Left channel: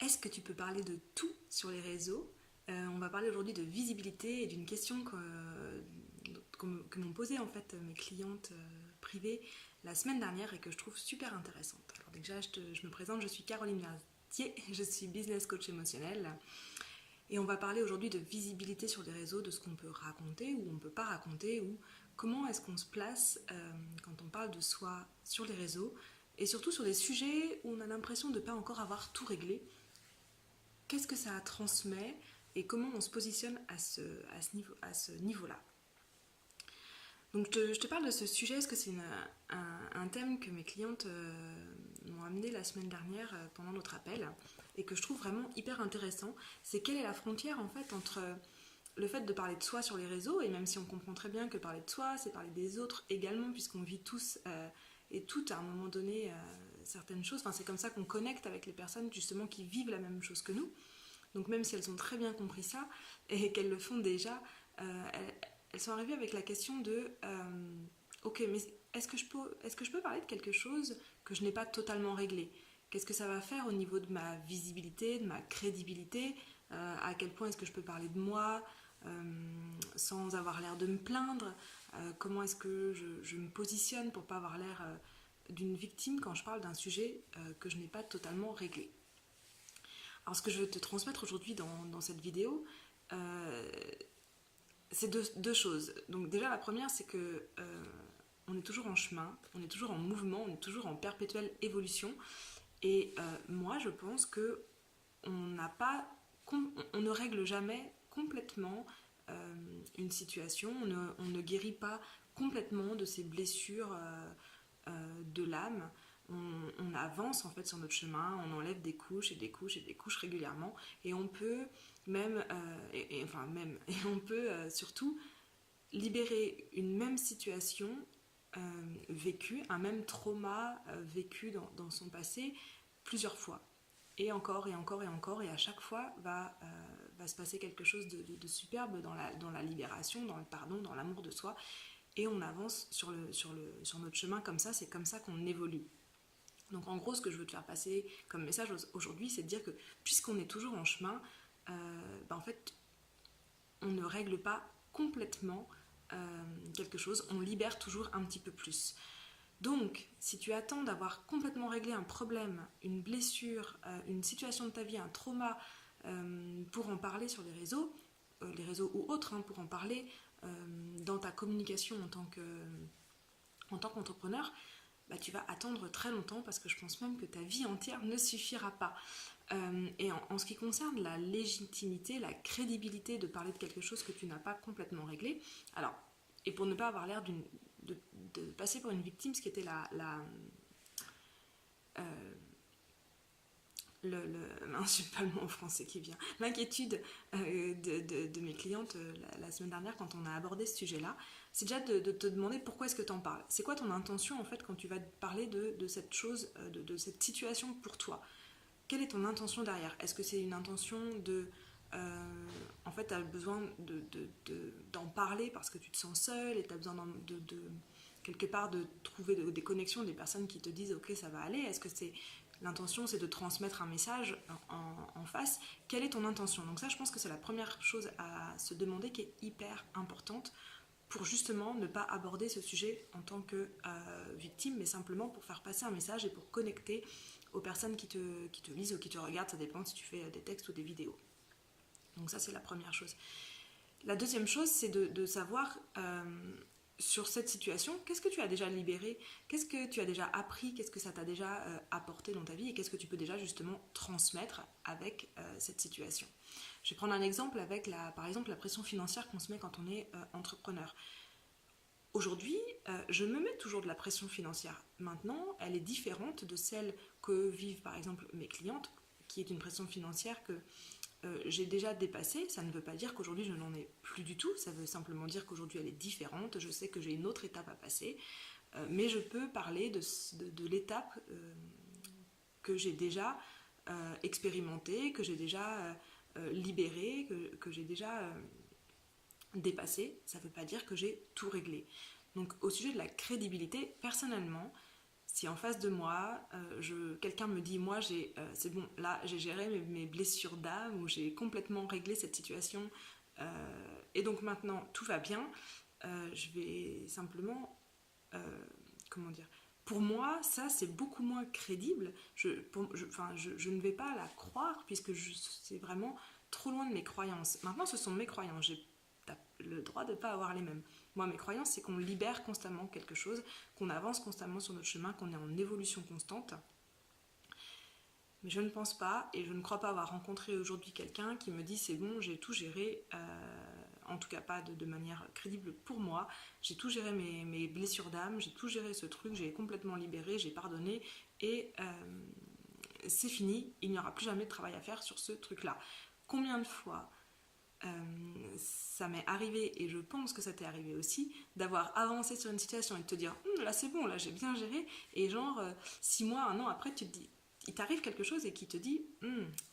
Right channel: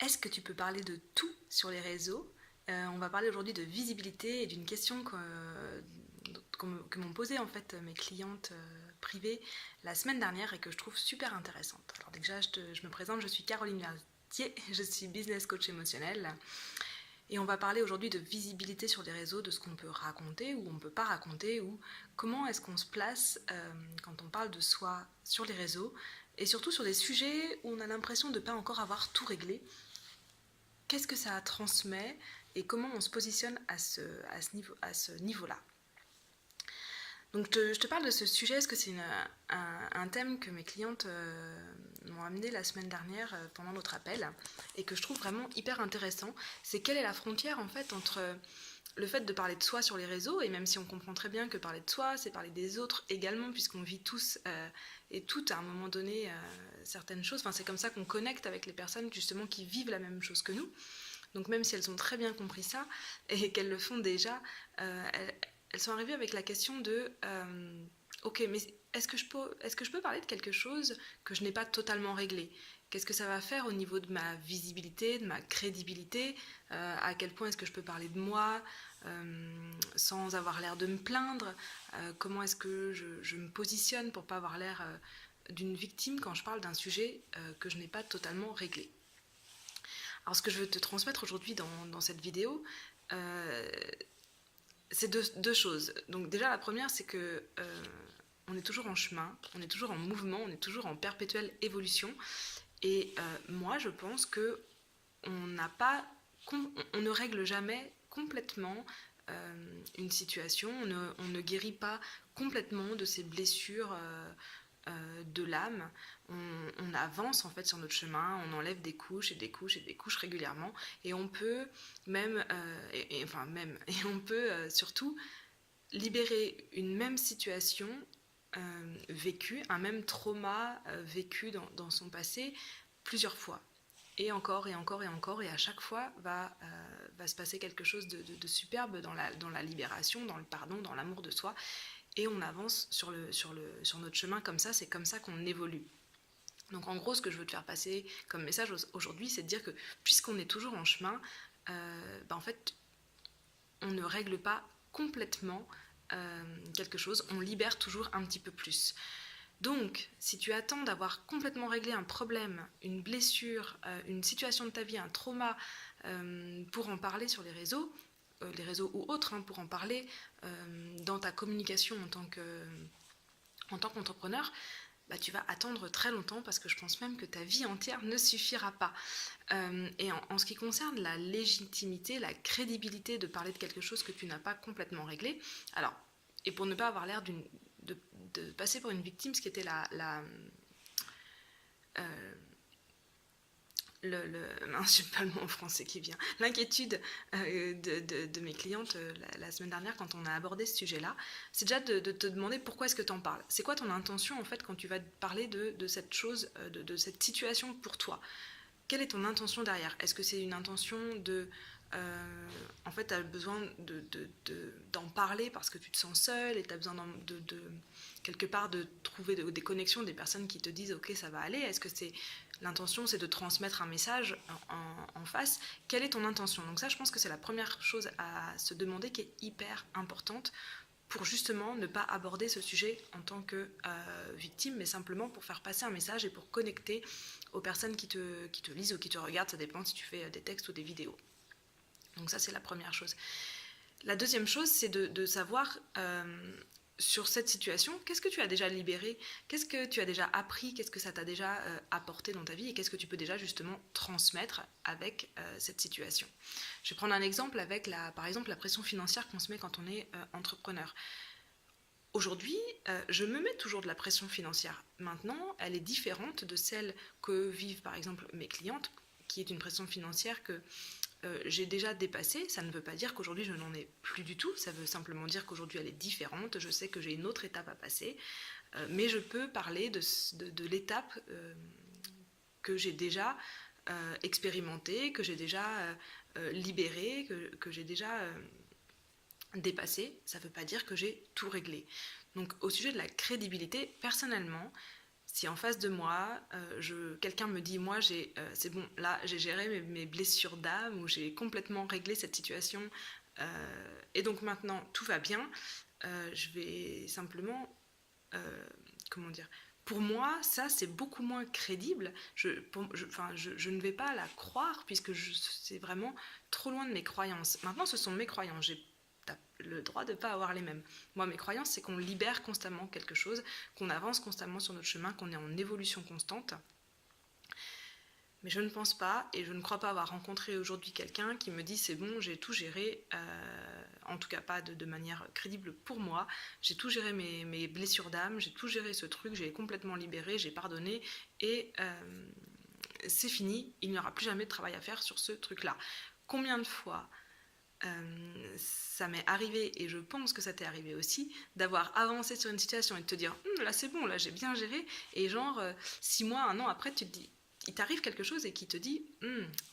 Est-ce que tu peux parler de tout sur les réseaux? On va parler aujourd'hui de visibilité et d'une question que m'ont posée en fait mes clientes privées la semaine dernière et que je trouve super intéressante. Alors déjà, je me présente, je suis Caroline Vertier, je suis business coach émotionnel et on va parler aujourd'hui de visibilité sur les réseaux, de ce qu'on peut raconter ou on ne peut pas raconter, ou comment est-ce qu'on se place quand on parle de soi sur les réseaux, et surtout sur des sujets où on a l'impression de ne pas encore avoir tout réglé. Qu'est-ce que ça transmet et comment on se positionne à ce niveau-là. Donc je te parle de ce sujet parce que c'est un thème que mes clientes m'ont amené la semaine dernière pendant notre appel et que je trouve vraiment hyper intéressant. C'est quelle est la frontière en fait entre le fait de parler de soi sur les réseaux, et même si on comprend très bien que parler de soi, c'est parler des autres également, puisqu'on vit tous et toutes à un moment donné certaines choses. Enfin, c'est comme ça qu'on connecte avec les personnes justement qui vivent la même chose que nous. Donc même si elles ont très bien compris ça et qu'elles le font déjà, elles sont arrivées avec la question de ok, mais est-ce que je peux parler de quelque chose que je n'ai pas totalement réglé? Qu'est-ce que ça va faire au niveau de ma visibilité, de ma crédibilité? À quel point est-ce que je peux parler de moi sans avoir l'air de me plaindre? Comment est-ce que je me positionne pour ne pas avoir l'air d'une victime quand je parle d'un sujet que je n'ai pas totalement réglé? Alors ce que je veux te transmettre aujourd'hui dans cette vidéo, c'est deux choses. Donc déjà la première, c'est que on est toujours en chemin, on est toujours en mouvement, on est toujours en perpétuelle évolution. Et moi, je pense que on ne règle jamais complètement une situation, on ne guérit pas complètement de ces blessures de l'âme. On avance en fait sur notre chemin, on enlève des couches et des couches et des couches régulièrement, et on peut même, et on peut surtout libérer une même situation vécue, un même trauma vécu dans son passé plusieurs fois. Et encore, et encore, et encore, et à chaque fois va se passer quelque chose de superbe dans la libération, dans le pardon, dans l'amour de soi. Et on avance sur notre chemin comme ça, c'est comme ça qu'on évolue. Donc en gros, ce que je veux te faire passer comme message aujourd'hui, c'est de dire que puisqu'on est toujours en chemin, en fait, on ne règle pas complètement quelque chose, on libère toujours un petit peu plus. Donc, si tu attends d'avoir complètement réglé un problème, une blessure, une situation de ta vie, un trauma, pour en parler sur les réseaux ou autres, pour en parler dans ta communication en tant qu'entrepreneur, tu vas attendre très longtemps, parce que je pense même que ta vie entière ne suffira pas. Et en ce qui concerne la légitimité, la crédibilité de parler de quelque chose que tu n'as pas complètement réglé, alors, et pour ne pas avoir l'air de passer pour une victime, ce qui était je sais pas le mot en français qui vient, l'inquiétude de mes clientes la semaine dernière quand on a abordé ce sujet-là, c'est déjà de te demander pourquoi est-ce que tu en parles. C'est quoi ton intention en fait quand tu vas parler de cette chose, de cette situation pour toi? Quelle est ton intention derrière? Est-ce que c'est une intention de... en fait, tu as besoin d'en parler parce que tu te sens seule et tu as besoin quelque part de trouver des connexions, des personnes qui te disent ok, ça va aller? Est-ce que c'est l'intention, c'est de transmettre un message en face? Quelle est ton intention? Donc ça, je pense que c'est la première chose à se demander, qui est hyper importante pour justement ne pas aborder ce sujet en tant que victime, mais simplement pour faire passer un message et pour connecter aux personnes qui te lisent ou qui te regardent. Ça dépend si tu fais des textes ou des vidéos. Donc ça, c'est la première chose. La deuxième chose, c'est de savoir sur cette situation, qu'est-ce que tu as déjà libéré, qu'est-ce que tu as déjà appris, qu'est-ce que ça t'a déjà apporté dans ta vie, et qu'est-ce que tu peux déjà justement transmettre avec cette situation. Je vais prendre un exemple avec par exemple la pression financière qu'on se met quand on est entrepreneur. Aujourd'hui, je me mets toujours de la pression financière. Maintenant, elle est différente de celle que vivent par exemple mes clientes, qui est une pression financière que j'ai déjà dépassée. Ça ne veut pas dire qu'aujourd'hui je n'en ai plus du tout, ça veut simplement dire qu'aujourd'hui elle est différente. Je sais que j'ai une autre étape à passer, mais je peux parler de l'étape que j'ai déjà expérimentée, que j'ai déjà libérée, que j'ai déjà dépassée. Ça ne veut pas dire que j'ai tout réglé. Donc au sujet de la crédibilité, personnellement, Si en face de moi, quelqu'un me dit, moi, c'est bon, là, j'ai géré mes blessures d'âme, ou j'ai complètement réglé cette situation, et donc maintenant, tout va bien, je vais simplement, euh, comment dire, pour moi, ça, c'est beaucoup moins crédible. Je ne vais pas la croire, puisque c'est vraiment trop loin de mes croyances. Maintenant, ce sont mes croyances. T'as le droit de ne pas avoir les mêmes. Moi, mes croyances, c'est qu'on libère constamment quelque chose, qu'on avance constamment sur notre chemin, qu'on est en évolution constante. Mais je ne pense pas, et je ne crois pas avoir rencontré aujourd'hui quelqu'un qui me dit c'est bon, j'ai tout géré, en tout cas pas de manière crédible pour moi, j'ai tout géré mes blessures d'âme, j'ai tout géré ce truc, j'ai complètement libéré, j'ai pardonné, et c'est fini, il n'y aura plus jamais de travail à faire sur ce truc-là. Combien de fois ça m'est arrivé, et je pense que ça t'est arrivé aussi, d'avoir avancé sur une situation et de te dire là c'est bon, là j'ai bien géré, et genre 6 mois, 1 an après, tu te dis, il t'arrive quelque chose et qui te dit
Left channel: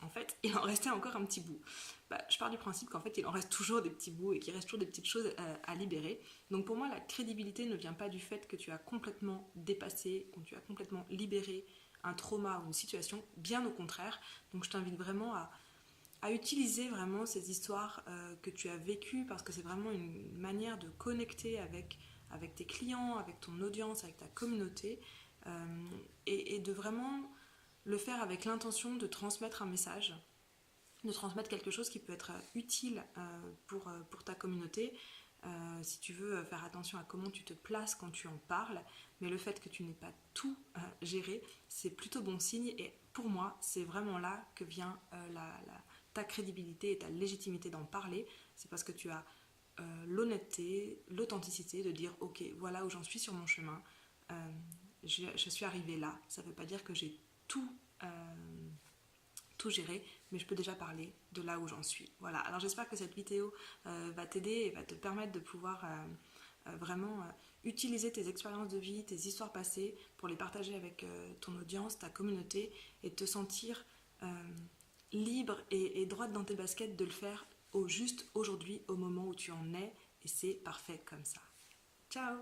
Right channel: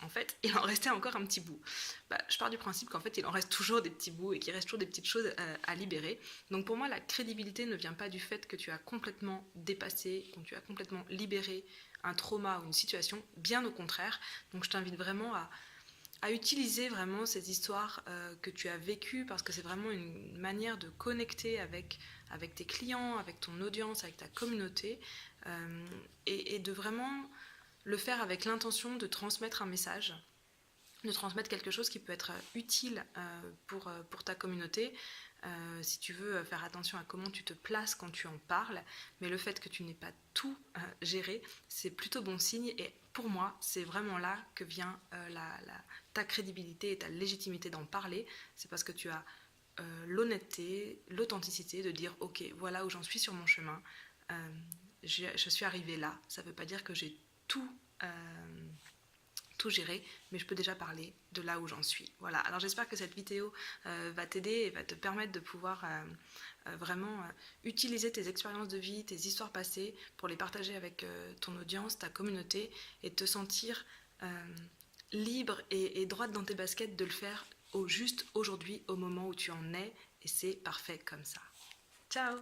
en fait il en restait encore un petit bout. Bah, je pars du principe qu'en fait il en reste toujours des petits bouts et qu'il reste toujours des petites choses à libérer. Donc pour moi, la crédibilité ne vient pas du fait que tu as complètement dépassé, que tu as complètement libéré un trauma ou une situation, bien au contraire. Donc je t'invite vraiment à utiliser vraiment ces histoires que tu as vécues, parce que c'est vraiment une manière de connecter avec tes clients, avec ton audience, avec ta communauté, et de vraiment le faire avec l'intention de transmettre un message, de transmettre quelque chose qui peut être utile pour ta communauté. Si tu veux faire attention à comment tu te places quand tu en parles, mais le fait que tu n'aies pas tout géré, c'est plutôt bon signe, et pour moi, c'est vraiment là que vient ta crédibilité et ta légitimité d'en parler. C'est parce que tu as l'honnêteté, l'authenticité de dire ok, voilà où j'en suis sur mon chemin, je suis arrivée là. Ça ne veut pas dire que j'ai tout tout gérer, mais je peux déjà parler de là où j'en suis. Voilà, alors j'espère que cette vidéo va t'aider et va te permettre de pouvoir vraiment utiliser tes expériences de vie, tes histoires passées, pour les partager avec ton audience, ta communauté, et te sentir libre et droite dans tes baskets de le faire au juste aujourd'hui, au moment où tu en es, et c'est parfait comme ça. Ciao!